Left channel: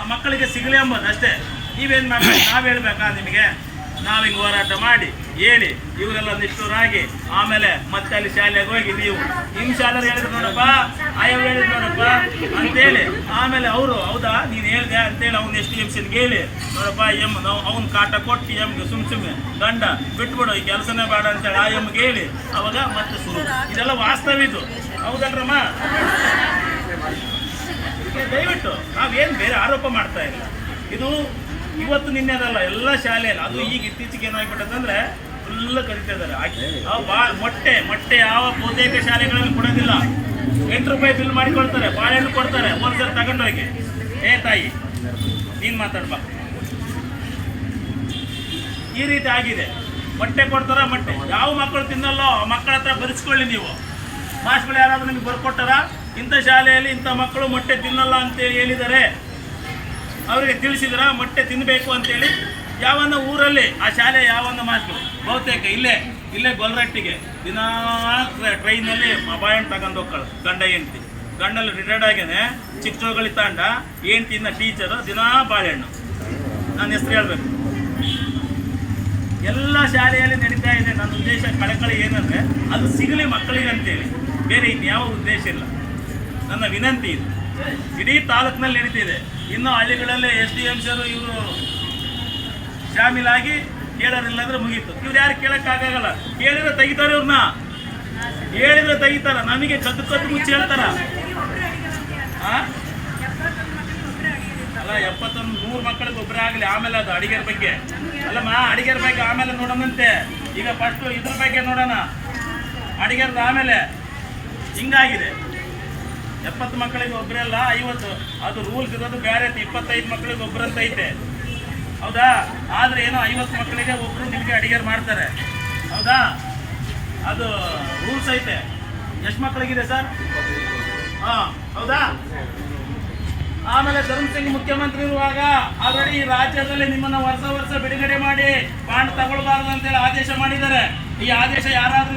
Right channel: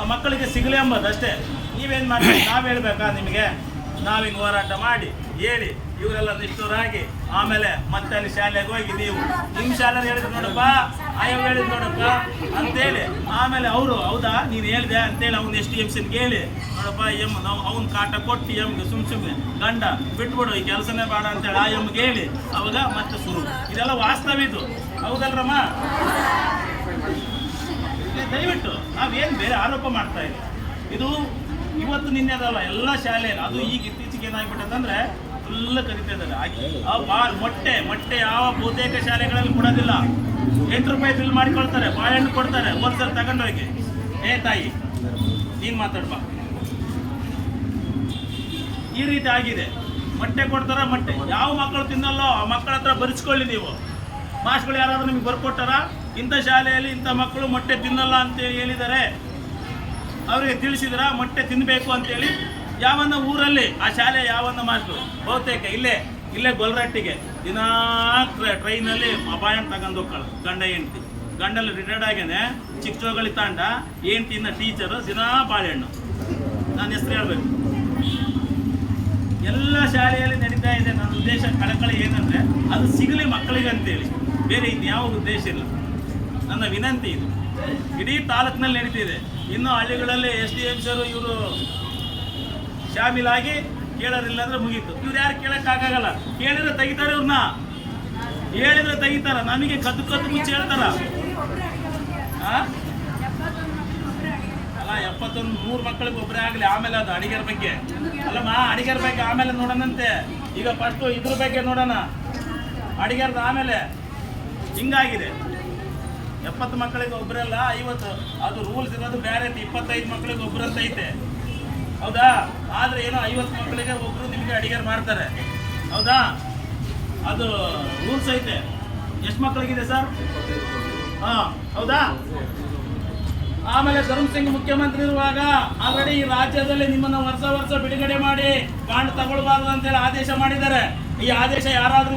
ಆ ಮಕ್ಕಳಿಗೆ ಸಿಗಲಿ ಎಂಬುದು ಅಷ್ಟೇ. ನೀವೇನು ಮಾಡಿ ನಾವು ಹೇಳ್ಬೇಕಾ ನಿಮಗೆ? ನಾವು ಹಿಂಗೆ ಹೋರಾಟ ಮಾಡಿ ಹೇಳಿ ಇವರೆಲ್ಲ ನಿಷ್ಠುರಾಗಿ ಆಮೇಲೆ ಮತ್ತೆ ಅಲ್ಲಿ ಶಾಲೆಗೆ ಹೋಗಿ ನೀವು ನಿಮ್ಮ ಶಾಲೆ ಹೇಳಿದ್ರು ನೋಡಪ್ಪ, ಆಯವ್ ಹೇಳಿದ್ರು ನೋಡಪ್ಪ ಅಂತೇಳಿ ಆಮೇಲೆ ಅವರು ಹೌದಾ ನೀನು ಹೇಳಿದೆ ಅಂತೇಳಿ ಅವ್ನು SDMCಗೆ ಹೇಳಿ ನೋಡಪ್ಪ ನಾವು ಅವ್ನ ಕಾಟ ಕೊಟ್ಟು ಎಮ್ಗೆ ಸುಮ್ಮನೆ ಗಂಡ ಬಿಟ್ಬಿಡು ಈ ಕೆಲಸನೇ ಬೇಡ ಅಂತೇಳಿ ಆ ಎಮ್ಗೆ ಹೇಳಿ ಅವಾಗ ಮತ್ತೆ ಶುರು. ಇದೆಲ್ಲ ವಾಸ್ತವ ಇದು, ಹೌದಲ್ರಮ್ಮ? ದಯವಿಟ್ಟು ನಾವೇನು ಬೇರೆ ಆರೋಪ ಮಾಡ್ತಾ ಇಲ್ಲ. ಇದು ಇವತ್ತು ನಿನ್ನೆದಲ್ಲ, ಎಲ್ಲ ಶಾಲೆಯಲ್ಲಿ. ಅದು ಈಗ ಇತ್ತೀಚೆಗೆ ಏನಾಗ್ಬಿಟ್ಟದಂದ್ರೆ ಫುಲ್ ಕರಿತಾ ಇದ್ದಾರೆ. ಮೊಟ್ಟೆ ಯಾವ ಬಹುತೇಕ ಶಾಲೆಗಳಲ್ಲಿ ಕೊಡೋದಿಲ್ಲ. 8 ರೂಪಾಯಿ ಬಿಲ್ ಮಾಡಿಕೊಳ್ತಾರೆ, ಬಾಳೆಹಣ್ಣು ಕೊಡ್ತಾರೆ, ಒಂದ್ಸಲ ತಗೊಂಡೋಗಿ. ತಾಯಿ ನೀನು ಮಾತಾಡ್ಬಾ. ಈ ರೀತಿ ಆಗಿದೆ. ಮೊಟ್ಟೆ ಕೊಡ್ತಾರ, ಮೊಟ್ಟೆ ಯಾವ ಮಕ್ಕಳು ತಿನ್ನಲ್ಲೋ ಆ ಮಕ್ಕಳ ಹತ್ರ ಬರೆಸ್ಕೊಳ್ಳಿ ನೀವು. ಮಾಸ್ಗಳು ಯಾರಾದ್ರೂ ನಿಮ್ಗೆ ಬರ್ಕೊಟ್ಟಾರ ಇಂಥ ಶಾಲೆಯಲ್ಲಿ ಇಂಥ ಮಕ್ಕಳು ಮೊಟ್ಟೆ ತಿನ್ನಲ್ಲ ಅಂತೇಳಿ ಹೇಳಿದ್ದಾರೆ, ಅವರಿಗೆ ತಿಳಿಸಿದ್ರ ಮೊಟ್ಟೆ ತಿನ್ನಬೇಕು ಅಂತೇಳಿ? ಯಾವನ್ನ ಊರಲ್ಲಿ ಆ ಶಾಲೆ ಯಾವನ್ನ ಮಾಸ್ಟರು ಬಹುತೇಕ ಇಲ್ಲೇ ಗೊಲ್ರಟ್ಟಿಗೆ ದಿನಾ ಟ್ರೈನಲ್ಲಿ ಬಾಳೆಹಣ್ಣು ತಗೊಂಡು ಹೋಗ್ಕೊಳ್ಳ ಗಂಡ ಹೆಂಡ್ತಿ. ಗಂಡಲ್ಲಿ ರಿಟೈರ್ಡ್ ಆಗೇನೆ, ಚಿಕ್ಕಚೋಗಳಿ ತಾಂಡ, ಹೆಂಡ್ತಿಯಿಂದ ಟೀಚರು, ದಿನಾ ಬಾಳೆಹಣ್ಣು. ನಾನು ಹೆಸರು ಹೇಳ್ಬೇಕು. ಎಲ್ಲ ಶಾಲೆಯಲ್ಲಿ ನಡೀತಾ ಇದೆ. ನನ್ನ ಉದ್ದೇಶ ಕಳಕಳಿ ಏನಂದರೆ ಅದು ಸಿಗಲಿ ಮಕ್ಕಳಿಗೆ ಅಂತೇಳಿ, ಬೇರೆ ಇನ್ಯಾವ ಉದ್ದೇಶ ಇಲ್ಲ. ನನ್ನ ವಿನಂತಿ ಇದು. ಇಡೀ ತಾಲೂಕಿನಲ್ಲಿ ನಡೀತಿದೆ. ಇನ್ನೂ ಹಳ್ಳಿಗಳಲ್ಲಿ SDMCರು ಇವರು ಶಾಮೀಲಾಗಿ ಕೇಳೋದಿಲ್ಲ ಅಂದರೆ ಮುಗೀತು. ಇವ್ರು ಯಾರು ಕೇಳೋಕ್ಕಾಗಲ್ಲ. ಕೇಳಿದ್ರೆ ತೆಗಿತಾರೆ, ಇವ್ರನ್ನ ಹೇಳಿದ್ರೆ ತೆಗಿತಾರ. ನಮಗೆ ಕದ್ದು ಮುಚ್ಚಿ ಹೇಳ್ತಾರ. ಅಲ್ಲ 71 ಮಕ್ಕಳಿಗೆ ಒಬ್ಬರೇ ಆಗಲಿ, ಆಮೇಲೆ ಅದು ಅಡಿಗೆರ ಬಗ್ಗೆ ಅಲ್ಲಮ್ಮ. ಅಡಿಗೆರ ಬಗ್ಗೆ ಆಮೇಲೆ ನೋಡೋಣಂತೆ. ಈಗ ಫಸ್ಟು ಇದ್ರ ಬಗ್ಗೆ ನೋಡೋಣ, ಅಡಿಗೆರದ ಆಮೇಲೆ. ಹಿಂಗಾಗಿದೆ. 70 ಮಕ್ಕಳಿಗೆ ಒಬ್ಬರಲ್ಲ 50. ಅದು ರೂಲ್ಸ್ ಇರೋದು ಬೇರೆ. 25 ಮಕ್ಕಳಿಗೆ ಒಬ್ಬರಂತ ಐತೆ, ಹೌದಾ? ಆದರೆ ಏನೋ 50 ಮಕ್ಕಳಿಗೆ ಒಬ್ಬರು ನಿಮಗೆ ಅಡಿಗೆ ಮಾಡ್ತಾರೆ, ಹೌದಾ? ಅದು ರೂಲ್ಸ್ ಐತೆ. ಎಷ್ಟು ಮಕ್ಕಳಿಗಿದೆ ಸರ್? ಹೌದಾ? ಆಮೇಲೆ ಧರ್ಮಸಿಂಗ್ ಮುಖ್ಯಮಂತ್ರಿ ಇರುವಾಗ ಆಲ್ರೆಡಿ ಈ ರಾಜ್ಯದಲ್ಲಿ ನಿಮ್ಮನ್ನು ವರ್ಷ ಬಿಡುಗಡೆ ಮಾಡಿ ಬಾಂಡ್ ತಗೊಳ್ಬಾರ್ದು ಅಂತೇಳಿ ಆದೇಶ ಮಾಡಿದ್ದಾರೆ. ಈ ಆದೇಶ ಯಾರಾದರೂ